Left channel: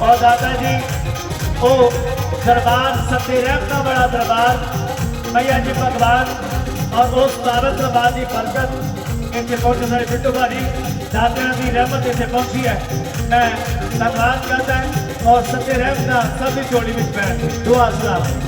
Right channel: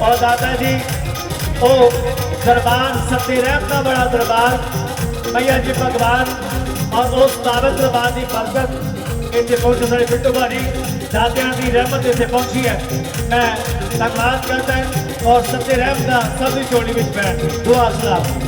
ਔਰ ਦਾਦਾ ਜੀ ਉਹ ਦਰਬਾਰ ਸਤੇ ਰਹਿਤ ਦਾ ਬੜਾ ਦਰਬਾਰ ਮਈਆ ਜੀ ਭਗਵਾਨ ਔਰ ਉਸ ਤਾਰਤ ਦਰਬਾਰ ਦੀ ਬਰਕਤ ਇੱਥੇ ਪਹੁੰਚ ਮੇਰੇ ਬਿੱਟੂ ਭਾਜੀ ਦਾਦਿਆਂ ਦੀ ਰਹਿਮਤ ਇੱਥੇ ਪਹੁੰਚੀ ਹੈ ਮੈਂ ਧੰਨਵਾਦ ਕਰਦਾ ਔਰ ਸੱਚੇ ਰਹਿਮਤ ਦਾ ਸਭ ਦੀ ਜੋੜੀ ਵਿੱਚ ਬੈਠ ਕੇ ਦੁਆ ਸਲਾਮ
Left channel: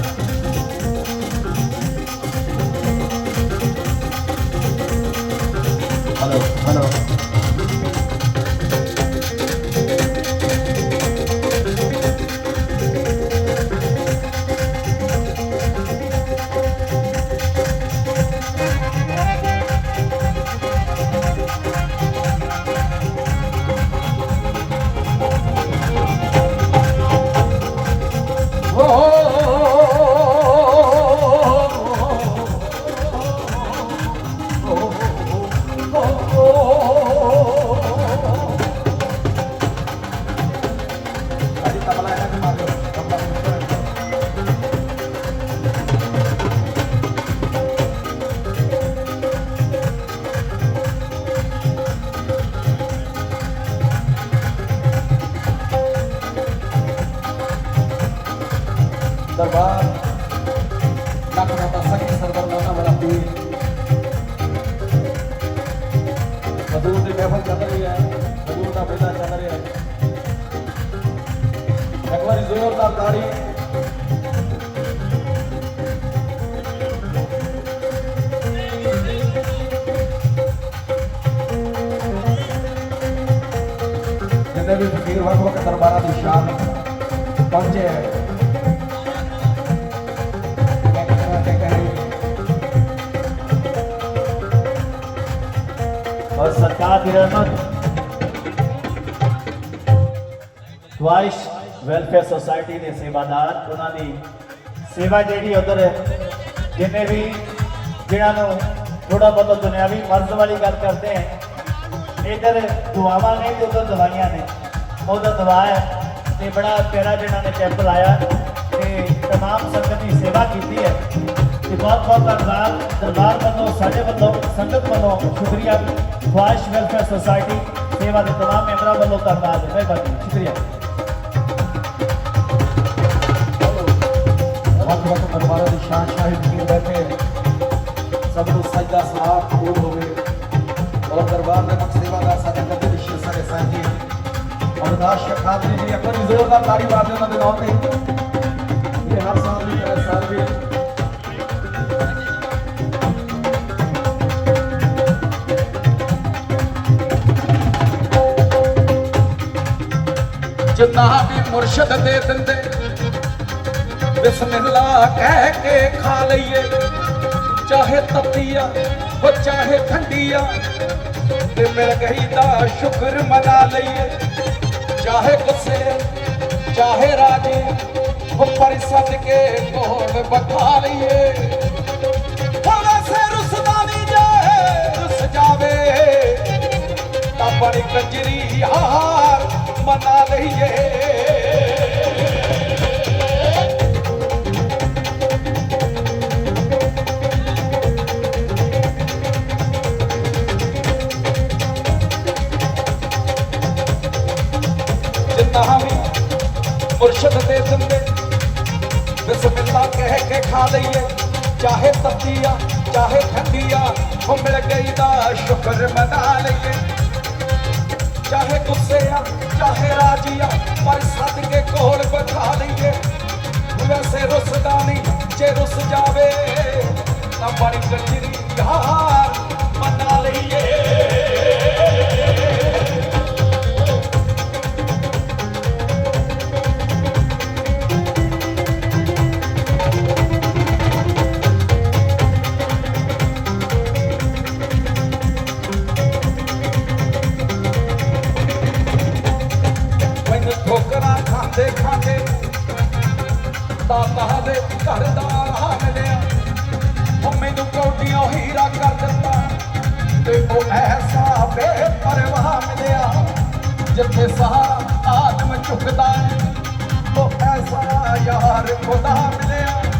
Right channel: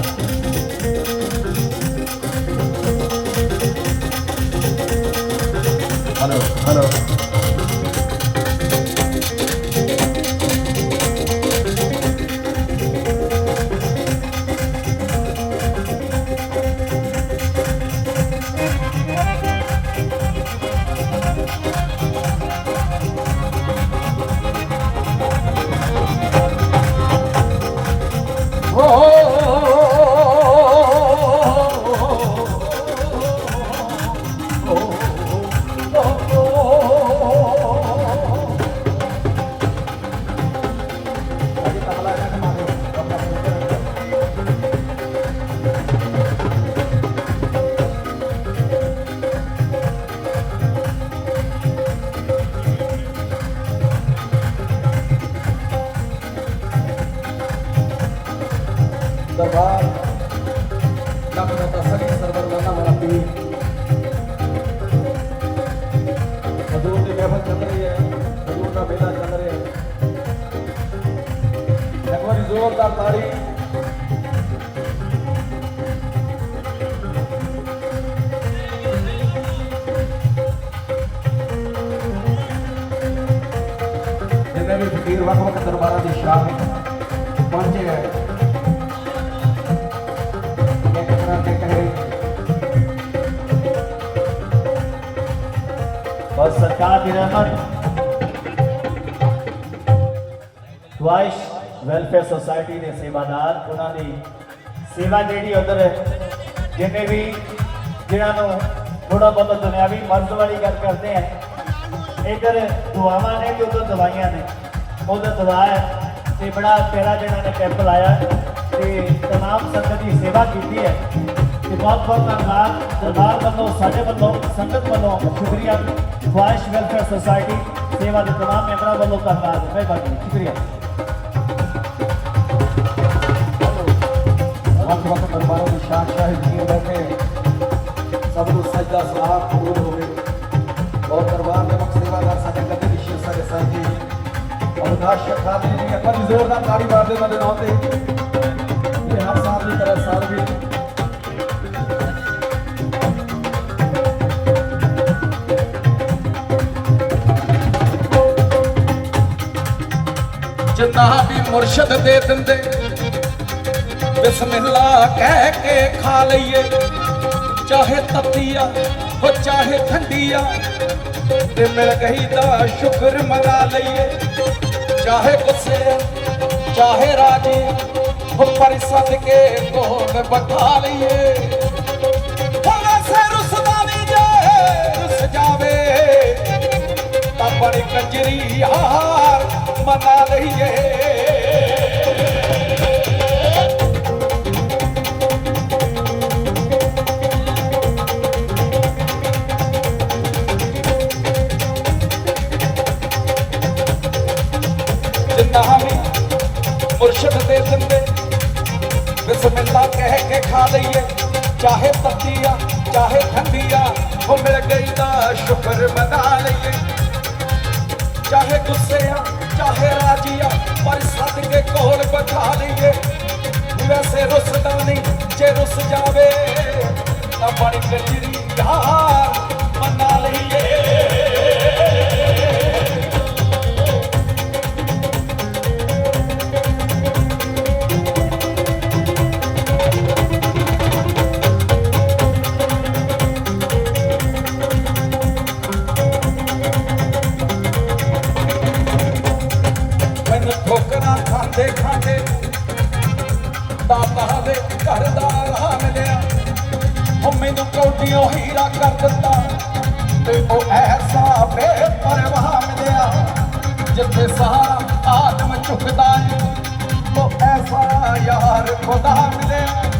ਜਿੰਨੇ ਵੀ ਫਕੀਰ ਵੱਖ ਵੱਖ ਦਰਬਾਰਾਂ ਦੀ ਸ਼ਾਨ ਪਹੁੰਚੇ ਹੈ ਇੱਕ ਤਰ੍ਹਾਂ ਦੇ ਕਹੇ और सरकार की रहमत ਖਵਾਇਸ਼ ਵੈਲਫੇਅਰ ਸੁਸਾਇਟੀ ਦੇ ਸੇਵਾਦਾਰ ਉਹਨਾਂ ਦੀ ਸੇਵਾ ਜਿਹੜੀ ਉਧਰ ਜਿੰਨੇ ਵੀ ਜਿਹਨਾਂ ਨੂੰ ਥੋੜਾ ਬਹੁਤ ਦੁਨਿਆਵੀ ਮਰਜ਼ ਵਾਲੀ ਗੱਲ ਕਰਦੇ ਆ ਇਧਰ ਦੁਆਵਾਂ ਨੇ ਤੇ ਉਧਰ ਦਵਾਈਆਂ ਨੇ ਉਧਰ ਦਵਾ ਹੈ ਤੇ ਬੜਾ ਪਿਆਰਾ ਜਿਹਨਾਂ ਨੇ ਕੈਂਪ ਲਾਇਆ ਤੇ तमाम ਸੰਗਤ ਦੀ ਸੇਵਾ ਕੀਤੀ ਹੈ ਤੇ ਬਹੁਤ ਬਹੁਤ ਧੰਨਵਾਦ ਦਰਬਾਰ ਵੱਲੋਂ ਸਾਡੇ ਵੱਲੋਂ ਸੰਗਤ ਵੱਲੋਂ ਸ਼ੁਕਰੀਆ ਖਵਾਇਸ਼ ਵੈਲਫੇਅਰ ਸੁਸਾਇਟੀ ਸੇਵਾ ਦੇ तमाम ਮੈਂਬਰਾਂ ਵੱਲੋਂ ਧੰਨਵਾਦ ਮਿਹਰਬਾਨੀ ਸ਼ੁਕਰੀਆ ਵੱਖ ਵੱਖ ਦਰਬਾਰਾਂ ਦੀ ਸ਼ਾਨ ਸ਼ਾਹਿਦ ਕੀ ਬੈਠੇ ਸਭ ਨੂੰ ਸਜਦਾ ਸਲਾਮ ਕਬੂਲ ਹੋਵੇ ਔਰ ਦਰਬਾਰ ਦੇ ਮੁਖ ਸੇਵਾਦਾਰ ਸਾਡੇ ਕਦੇ ਵਿਸ਼ੇ ਸਾਰੇ ਸਾਥੀ ਅਵਿਨਾਸ਼ ਸ਼ਖਾਦਰੀ ਜੀ ਇੱਕ ਵਾਰੀ ਜ਼ੋਰਦਾਰ ਤਾੜੀ ਮਾਰ ਉਹਨਾਂ ਦੇ ਨਾਮ ਤੇ। ਇਹ ਹਰ ਸਾਲ ਦੀ ਤਰ੍ਹਾਂ ਸਾਲ ਵੀ। ਜਿੰਨਾ ਵੀ ਮੁਰਸ਼ਦ ਦੇ ਦਿੰਦੇ, ਬਿਸਮਿਲ੍ਲਾ ਕਹਿ ਕੇ ਖਾ ਲਈਏ। ਚਾਹੇ ਤਤੀਆ ਹੋ, ਚਾਹੇ ਠੰਡੀਆ ਤੇ ਮਿਲ ਗਈ ਦਾ ਸ਼ੁਕਰ ਮਨਾ ਲਈਏ। ਚਾਹੇ ਗੁੱਸੇ ਚਾਹੇ ਰਾਜੀ ਹੋ ਪਰ ਸਦਕੇ ਕੋਲ ਬਠਾ ਲਈਏ? ਹੋਵੇ ਸੇ ਰੁਸਦਾਨੀ ਜੇ, ਰੁਸ ਜਾਵੇ, ਤਾਂ ਬੜੀ ਕੰਜਰੀ ਯਾਰ ਮਨਾ ਲਈਏ। ਮੁਰਸ਼ਦ ਦੇ ਦਿੰਦੇ ਬਿਸਮਿਲ੍ਲਾ ਕਹਿ ਕੇ ਖਾ ਲਈਏ। ਚਾਹੇ ਤੱਤੀਆ ਚਾਹੇ ਠੰਡੀਆ, ਉਹ ਮਿਲ ਗਈ ਦਾ ਸ਼ੁਕਰ ਮਨਾ ਲਈਏ। ਚਾਹੇ ਗੁੱਸੇ ਆ ਚਾਹੇ ਰਾਜੀ ਆ ਪਰ ਸਦਕੇ ਕੋਲ ਬਠਾ ਲਈਏ। ਵੈਸੇ ਰੁੱਸਦਾ ਨਹੀਂ, ਜੇ ਰੁੱਸ ਜਾਵੇ, ਤਾਂ ਬੜੀ ਕੰਜਰੀ ਯਾਰ ਪਿਆਰ ਖੁਦਾ ਮਿਲਿਆ।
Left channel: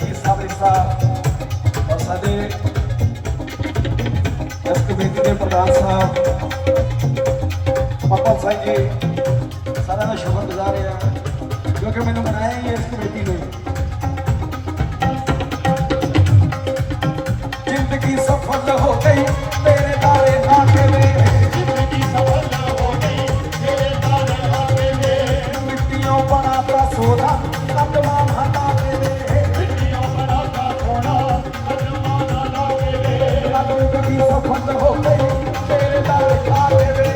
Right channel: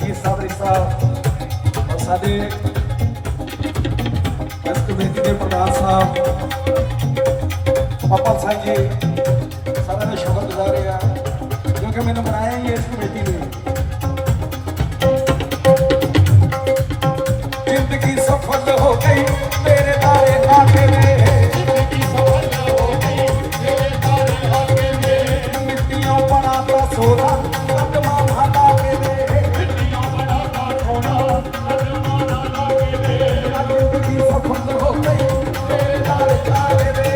aqui, Sabrissa, nossa de اس کو بھی دے پردھان صاحب پپل صاحب جی سارا میں شکر گزار ہے کیونکہ میں نے بنایا ہی اس کمیٹی نے زندگی سفل ہو گئی ਮੇਰਾ ਫੰਡ ਹੋ ਗਈ। ਤੇਰੇ ਦਾ ਵਿਖਾਵੇ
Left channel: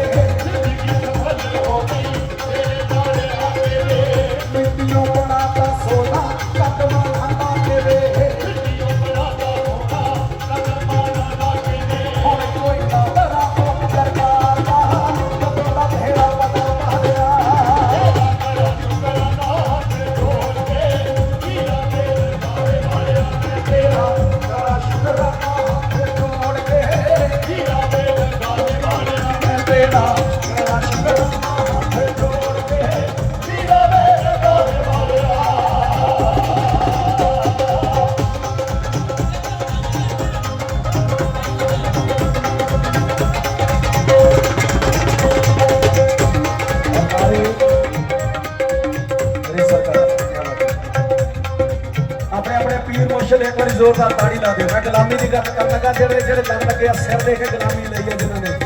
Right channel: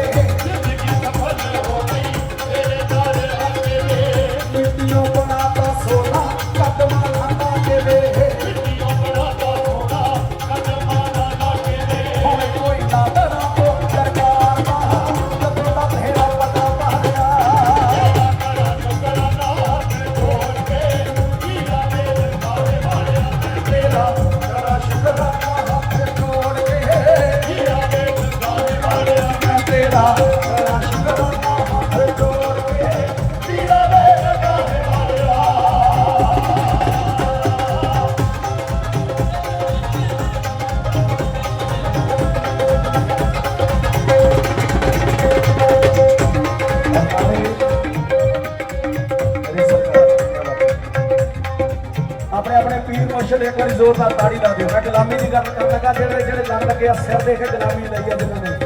ਦੀ ਗੱਲ ਕਰਦਾ ਜਿਹੜੇ ਜਿਹੜੇ ਲੱਗ ਗਿਆ ਸਿਰ ਦੇਖ ਗੁਲਾਮੀ ਲਈ ਆ ਨੇ।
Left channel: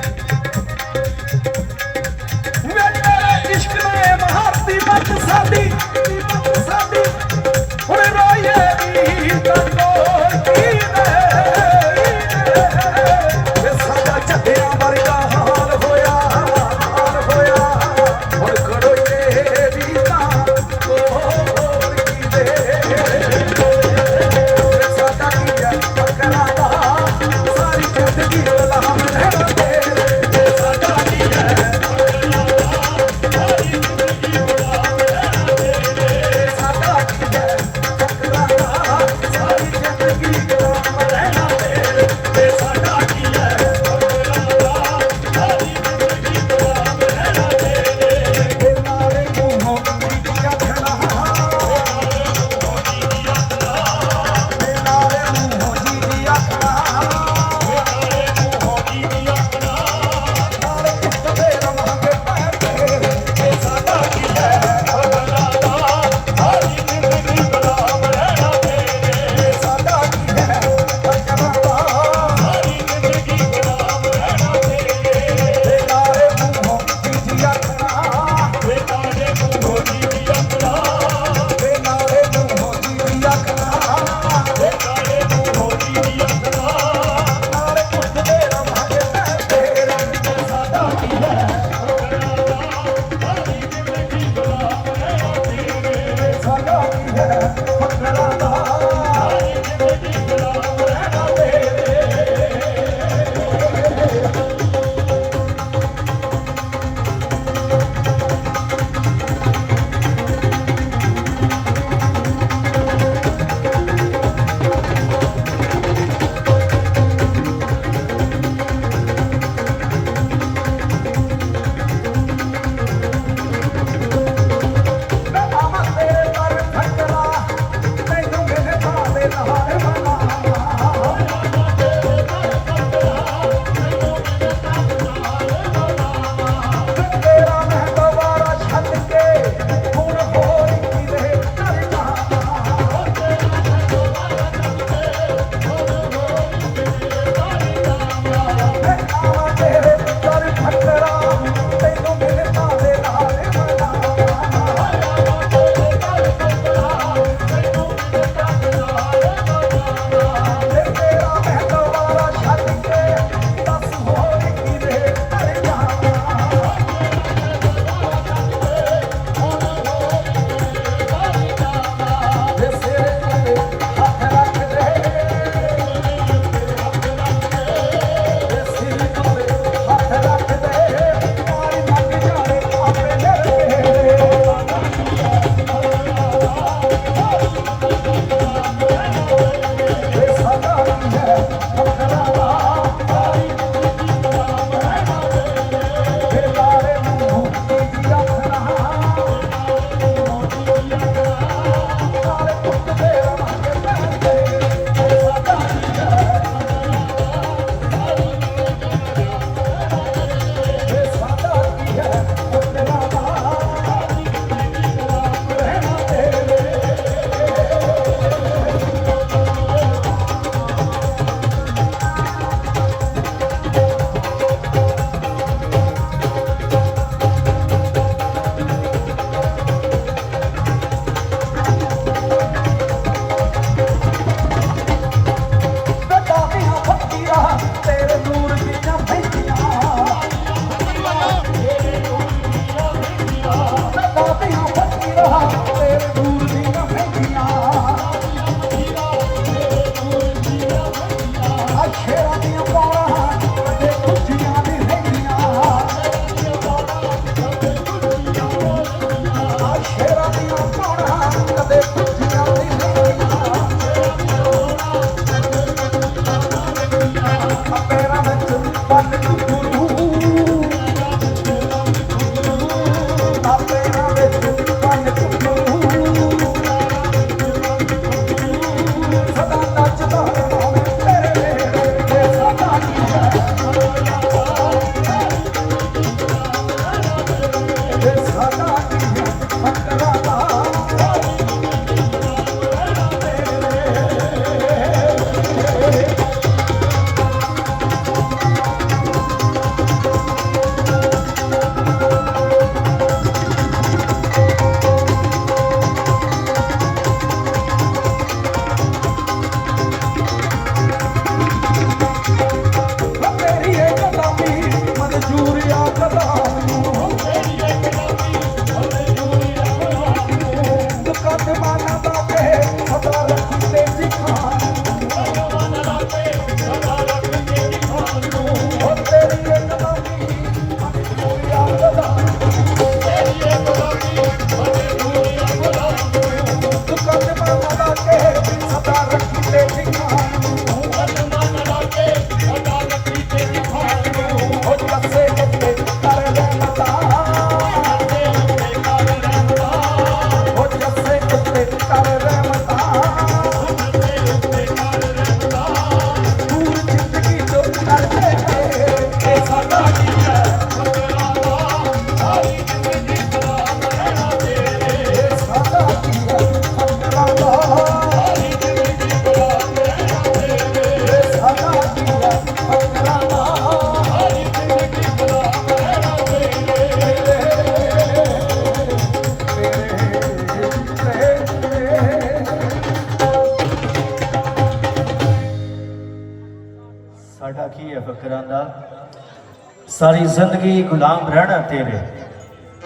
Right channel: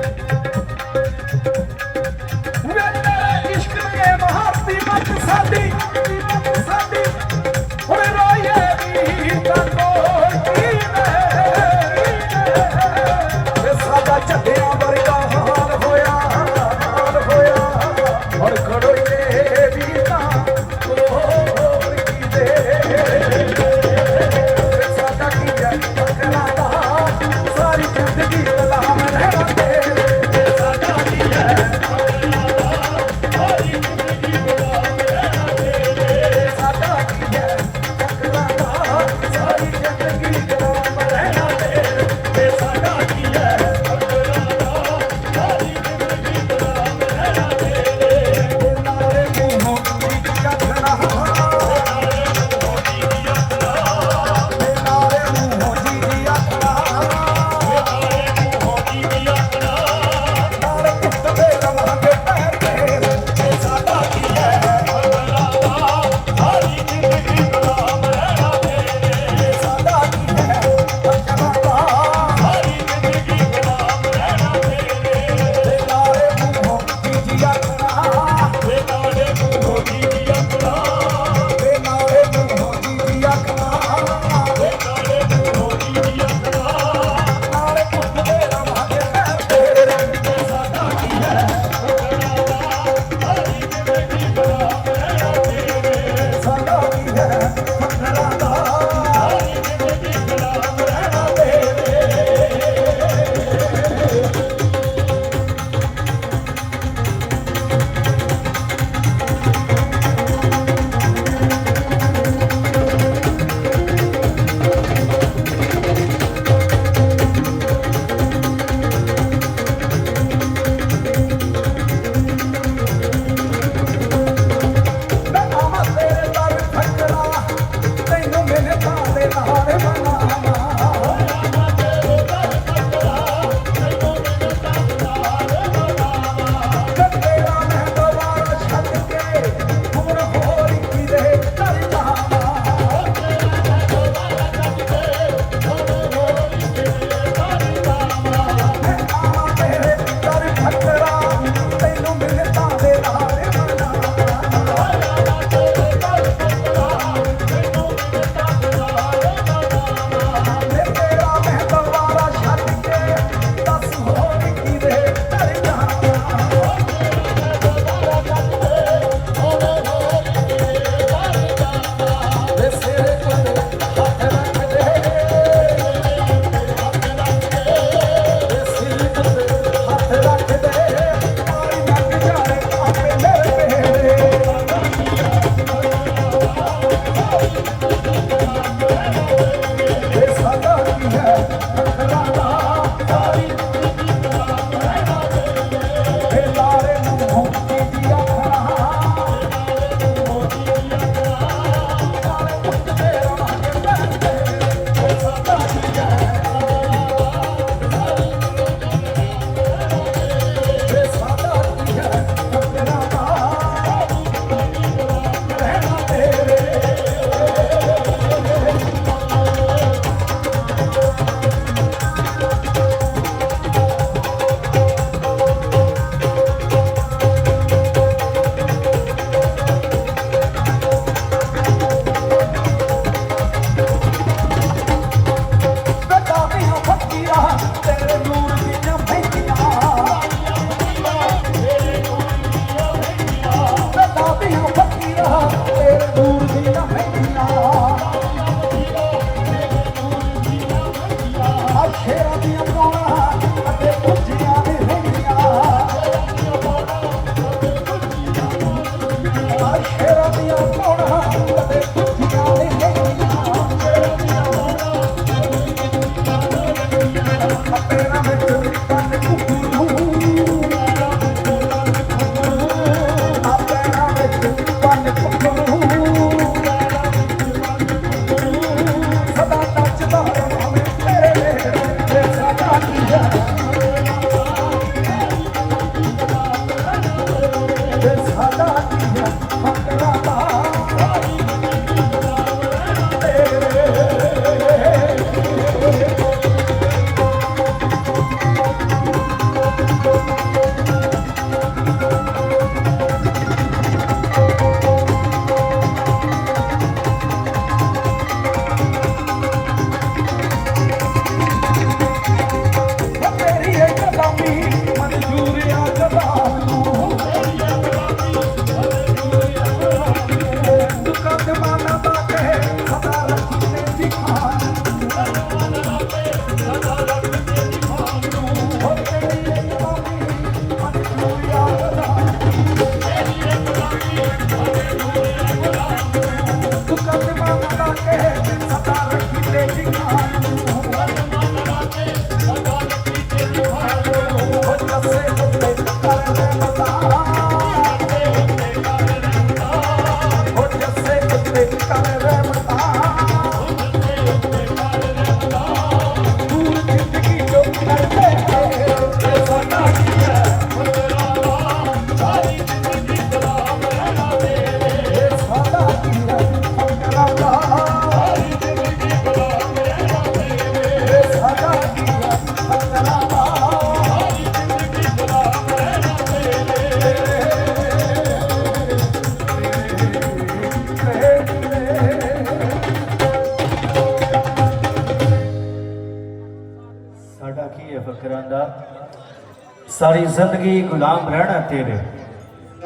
ਜ਼ਿੰਦਗੀ ਗੁਲਾਮ ਰਹਿਣਾ ਤੇਰੇ।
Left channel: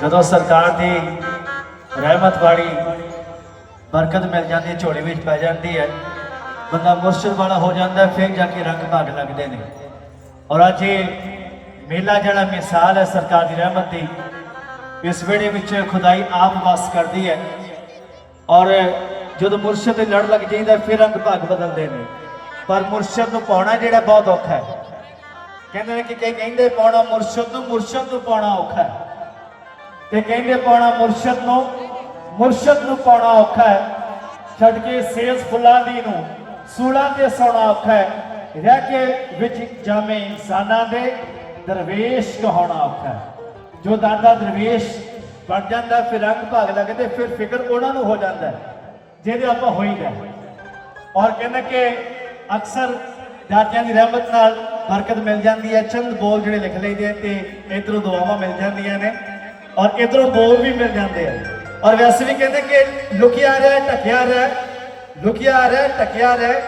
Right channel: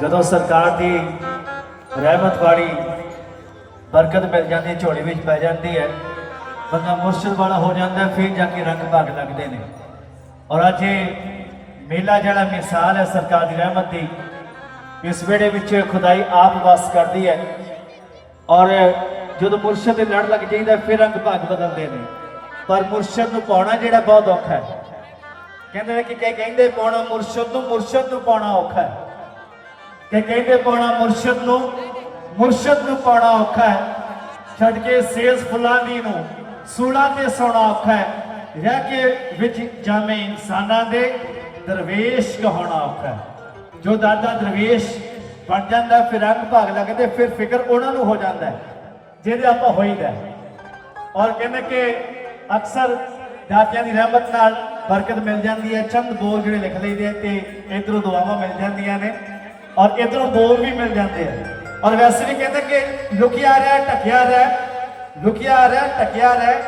ਜਦੋਂ ਸਰਕਾਰ ਦੀ ਰਹਿਮਤ ਵਾਲੀ ਬਰਕਤ ਮਿਲ ਜਾਂਦੀ, ਝੋਲੀ ਵਿੱਚ ਪੈ ਜਾਂਦੀ ਹੈ, ਬੰਦਾ ਮੁਰਸ਼ਿਦ ਵਾਲਾ ਹੋ ਜਾਂਦਾ, ਫਿਰ ਜਾ ਕੇ ਰੰਗ ਭਾਗ ਲੱਗਦੇ ਨੇ। ਔਰ ਅੱਜ ਇਹ ਮੇਲਾ ਜਿਹੜਾ ਮਿਸਾਲ ਹੈ ਸਰਕਾਰ ਦੀ ਰਹਿਮਤ ਦੀ, ਇਸ ਵੇੜੇ ਵਿੱਚ ਖੁਦਾਈ ਆਪ ਵਸ ਕਰਦੀ ਹੈ। ਔਰ ਜਦੋਂ ਮੁਰਸ਼ਿਦ ਦੇ ਲੜ ਲੱਗ ਜਾਂਦਾ ਫਿਰ ਰੰਗ ਭਾਗ ਬਦਲਦੇ ਨੇ। ਪਰ ਮੁਰਸ਼ਿਦ ਨੂੰ ਪਾਉਣਾ ਜਿਹੜਾ ਬਹੁਤ ਔਖਾ ਹੈ। ਕਹਿੰਦੇ ਨੇ ਕਿ ਕਈ ਕਹਿੰਦੇ ਪਾਉਣਾ ਮੁਰਸ਼ਦ ਨੂੰ ਮੁਰਸ਼ਦ ਨੂੰ ਪਾਉਣਾ ਔਖਾ ਹੈ। ਤੇ ਕਹਿੰਦੇ ਪਾਉਣਾ ਮੁਰਸ਼ਦ ਨੂੰ ਮੁਰਸ਼ਦ ਨੂੰ ਪਾਉਣਾ ਔਖਾ ਹੈ। ਛੱਡ ਕੇ ਸੇਸ ਫੁੱਲਾਂ ਦੀ ਨੂੰ, ਸੂਲਾਂ ਤੇ ਸੌਣਾ ਔਖਾ ਹੈ। ਰਹਿ ਕੇ ਵਿੱਚ ਜਾਵੇਂ ਇਨਸਾਨਾਂ ਦੇ ਦਰਵੇਸ਼ ਕਹਾਉਣਾ ਔਖਾ ਹੈ। ਜੋ ਦਾਦਾ ਦਰਵੇਸ਼ ਬਣ ਜਾਂਦਾ, ਫਿਰ ਅੰਗ ਭਾਗ ਲੱਗਦੇ, ਫਿਰ ਫਿਕਰ ਉਹਨਾਂ ਨੂੰ ਹੋ ਜਾਂਦਾ ਹੈ, ਜਿਹਦੇ ਆਪਾਂ ਹੋਈਦਾ ਹੈ। ਔਰ ਕਹਿੰਦੇ ਕਿ ਅਕਸਰ ਦਾਤਿਆਂ ਦੀ ਰਹਿਮਤ ਨਾਲ ਬਰਕਤ ਮਿਲ ਜਾਂਦੀ ਹੈ, ਚੰਦ ਬੋਲ ਜਿਹੜੇ ਲਿਖ ਲਈਦੇ ਆ ਤੇ ਇਧਰੋਂ ਦੁਆਵਾਂ ਮਿਲ ਜਾਂਦੀਆਂ ਨੇ ਔਰ ਇਧਰੋਂ ਬੋਲ ਵੀ ਮਿਲ ਜਾਂਦੇ ਆ। ਔਰ ਵੈਸੇ ਵੀ ਕਹਿੰਦੇ ਕਿ ਲੁਕਿਆ ਰਹਿ ਟਕਿਆ ਰਹਿ, ਲੁਕਿਆ ਰਹਿ ਟਕਿਆ ਰਹਿ,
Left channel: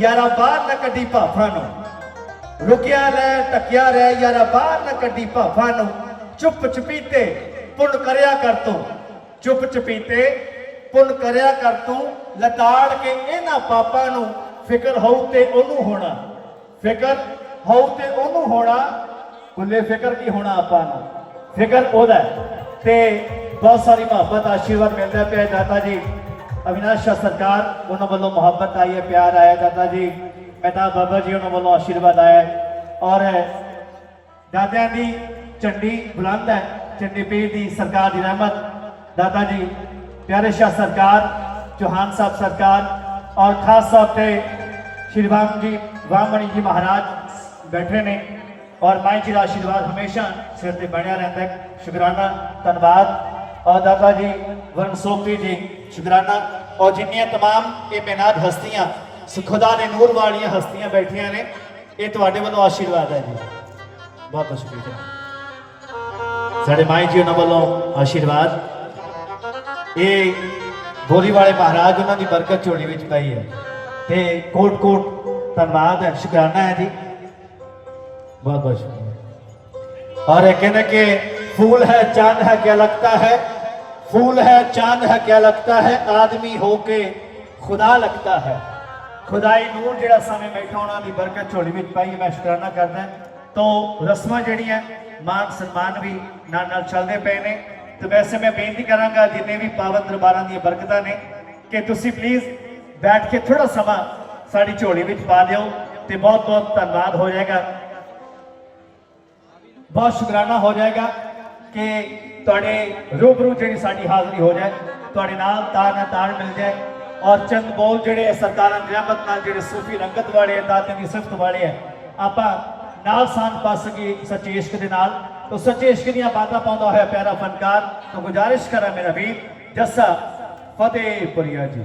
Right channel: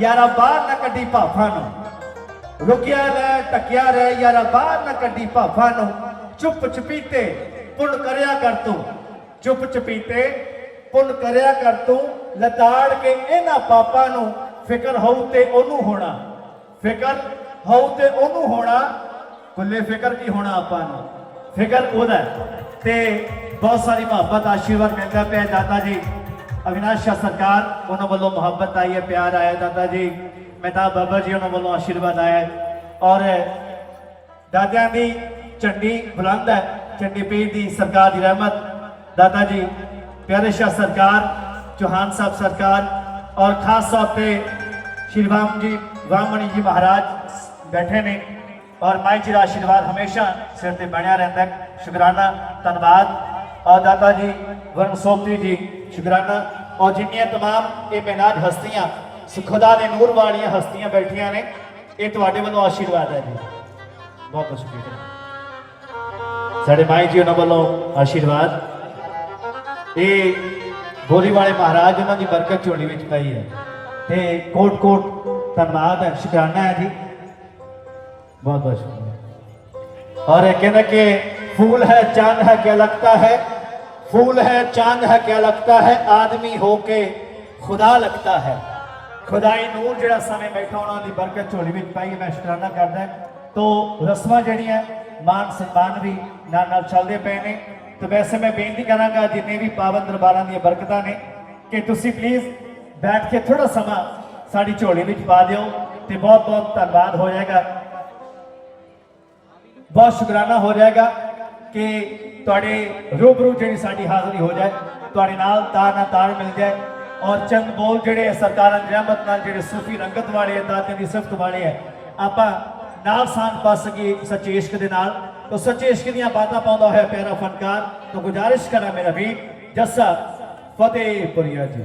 ਯਾਰਾ ਬਾਹਰ ਨਾ ਕੱਢੀ ਭਾਫਾਂ ਨੂੰ। ਰੁਕਿਆ ਰਹਿ ਟਕਿਆ ਰਹਿ, ਯਾਰਾ ਬਾਹਰ ਨਾ ਕੱਢੀ ਭਾਫਾਂ ਨੂੰ। ਚੁੱਪ ਚਪੀਤੇ ਪੁੰਨ ਕਰਿਆ ਕਰ ਤੂੰ। ਚੁੱਪ ਚਪੀਤੇ ਪੁੰਨ ਕਰਿਆ ਕਰ ਤੂੰ। ਲਤਾੜ ਕੇ ਇਹਨਾਂ ਪਾਪਾਂ ਨੂੰ ਫਿਕਰ ਹੋਊ ਤੇ ਉਹਨੂੰ ਹੋਣਾ। ਫਿਕਰ ਹੋਊ ਤੇ ਉਹਨੂੰ ਹੋਣਾ ਕੁੱਲੇ ਫਿਕਰ ਕੀ ਹੋਣਾ ਆਪਾਂ ਨੂੰ? ਫਿਕਰ ਉਹਦਾ ਹੈ। ਤੇ ਬਹੁਤ ਸਾਰੀ ਮੁਹੱਬਤ, ਆਸ਼ੀਰਵਾਦ ਮਿਲਦਾ ਪਿਆ ਹੈ ਦਾਤਾ ਜੀ। ਅਵਿਨਾਸ਼ ਸ਼ਾਹ ਸਰਕਾਰ ਉਹਨਾਂ ਵੱਲੋਂ ਮੁਹੱਬਤ ਆਈ ਹੈ, ਪਿਆਰ ਆਇਆ ਦਾਦਾ ਜੀ। ਮਹਿਤਾਬ ਬਾਬਾ ਜੀ ਉਹਨਾਂ ਵੱਲੋਂ ਆਸ਼ੀਰਵਾਦ ਆਇਆ ਔਰ ਦਾਦਿਆਂ ਦੀ ਝੰਡੀ ਬੁਲੰਦ ਹੈ ਚੰਡੀ ਪੀਰ ਦੀ ਸਰਕਾਰ ਦੀ ਰਹਿਮਤ। ਦਾਦਾ ਜੀ, ਪਿਆਰੇ ਸ਼ਾਹ ਸਰਕਾਰ, ਚੌਹਾਨ ਸਾਹਿਬ ਸਰਕਾਰ, ਔਰ ਖਾਸ ਤੌਰ ਤੇ ਸ਼੍ਰੀ ਰਾਮ ਜੀ ਵਾਮਣੀ ਜੀ ਮਹਾਰਾਜ ਬੈਠੇ ਨੇ ਔਰ ਮਾਈ ਜੀ ਦਾ ਆਸ਼ੀਰਵਾਦ ਹਮੇਸ਼ਾ ਸਿਰ ਤੇ ਬਣਿਆ ਰਹਿੰਦਾ ਹੈ ਸ਼ੁਕਰਾਨਾ ਧੰਨਵਾਦ ਔਰ ਦਾਦਾ ਜੀ ਵਰਨ ਸੋਪੀ ਜੀ ਸ਼ੁਕਰਾਨਾ ਔਰ ਜਿੰਨੀਆਂ तमाम ਇਹ ਬੇਨਾਦ ਹਸਤੀਆਂ ਸ- ਖੁਦਾ ਦੇ ਨੂਰ ਵਾਲੀਆਂ ਹਸਤੀਆਂ ਬੈਠੀਆਂ ਨੇ ਇਹ ਤੁਹਾਡੇ ਵੱਲੋਂ ਆਸ਼ੀਰਵਾਦ ਹੈ ਜੀ ਬਹੁਤ ਬਹੁਤ ਸ਼ੁਕਰੀਆ ਸਾਡੇ ਮਾਈ ਜੀ ਉਹਨਾਂ ਵੱਲੋਂ ਆਸ਼ੀਰਵਾਦ ਇਹ ਬੋਲੀ ਵਾਲੇ ਮਹਾਰਾਜ ਉਹਨਾਂ ਦੀ ਬਰਕਤ ਝੋਲੀ ਵਿੱਚ ਪਈ ਹੈ ਤੇ ਕੋਟ ਕੋਟ ਧੰਨਵਾਦ ਹੈ ਸ਼ੁਕਰਾਨਾ ਹੈ ਜੀ بہت بہت شکریہ۔ اور یہ کہنا کہ پھول ہے، چاند ہے کیا لگتا ہے؟ پھول ہے، چاند ہے کیا لگتا ہے؟ آدمی ہو کے خدا لگتا ہے۔ خدائی نور جڑا سامنے بیٹھا ہونا دی برکت چولی بھی پائی، میں شکرانہ کردا ہاں۔ تو رسمہ جڑی ہیں، مان سنمان بھی نال نال چلدے پے پہنے تو ویسے میں بےنتی کرنا گا جتنے بھی پاون درباراں دی برکتہ نے۔ کہ تسی پلیز بیٹھ کے تھوڑا سما ساری چولی بھی پا دیو۔ تو بہت بہت تنباد ہو جائے گا۔ ਬਹੁਤ ਸ਼ੁਕਰਾਨਾ ਹੋ ਜਾਏਗਾ ਕਿ ਤੁਹਾਡੇ ਰੂਬਰੂ ਜਿਹੜੀ ਸਾਡੀ ਹਾਜ਼ਰੀ ਹੋ ਜਾਏ, ਤੁਹਾਡੇ ਨਾਲ ਤਾਰ ਨਾਲ ਤਾਰ ਮਿਲ ਜਾਏ ਔਰ ਚੰਦ ਬੋਲ ਜਿਹੜੇ ਆ ਸਰਕਾਰਾਂ ਦੀ ਰਹਿਮਤ ਨਾਲ ਜਿਹੜੇ ਸੂਫੀ ਰੰਗਤ ਵਾਲੇ ਆ, ਦਾਤੇ ਦੀ ਸਿਫਤ ਵਾਲੇ ਆ, ਆਪਾਂ ਨਾਲ ਸਾਨ ਪਾ ਸਕੀ ਸੱਚੇ ਇਸ਼ਕ ਦੇ ਨਾਲ। ਤੋ ਸੱਚੇ ਇਸ਼ਕ ਦੀਆਂ ਬਾਤਾਂ ਪਾਉਂਦਾ ਹੋਇਆ ਪਿਆਰਾ ਫਨਕਾਰ, ਤਾਂ ਗੁਜ਼ਾਰਿਸ਼ ਕਰਾਂ ਮੇਰਾ ਵੀਰ ਜੱਸਾ ਫਤਿਹਪੁਰੀਆ ਜੀ।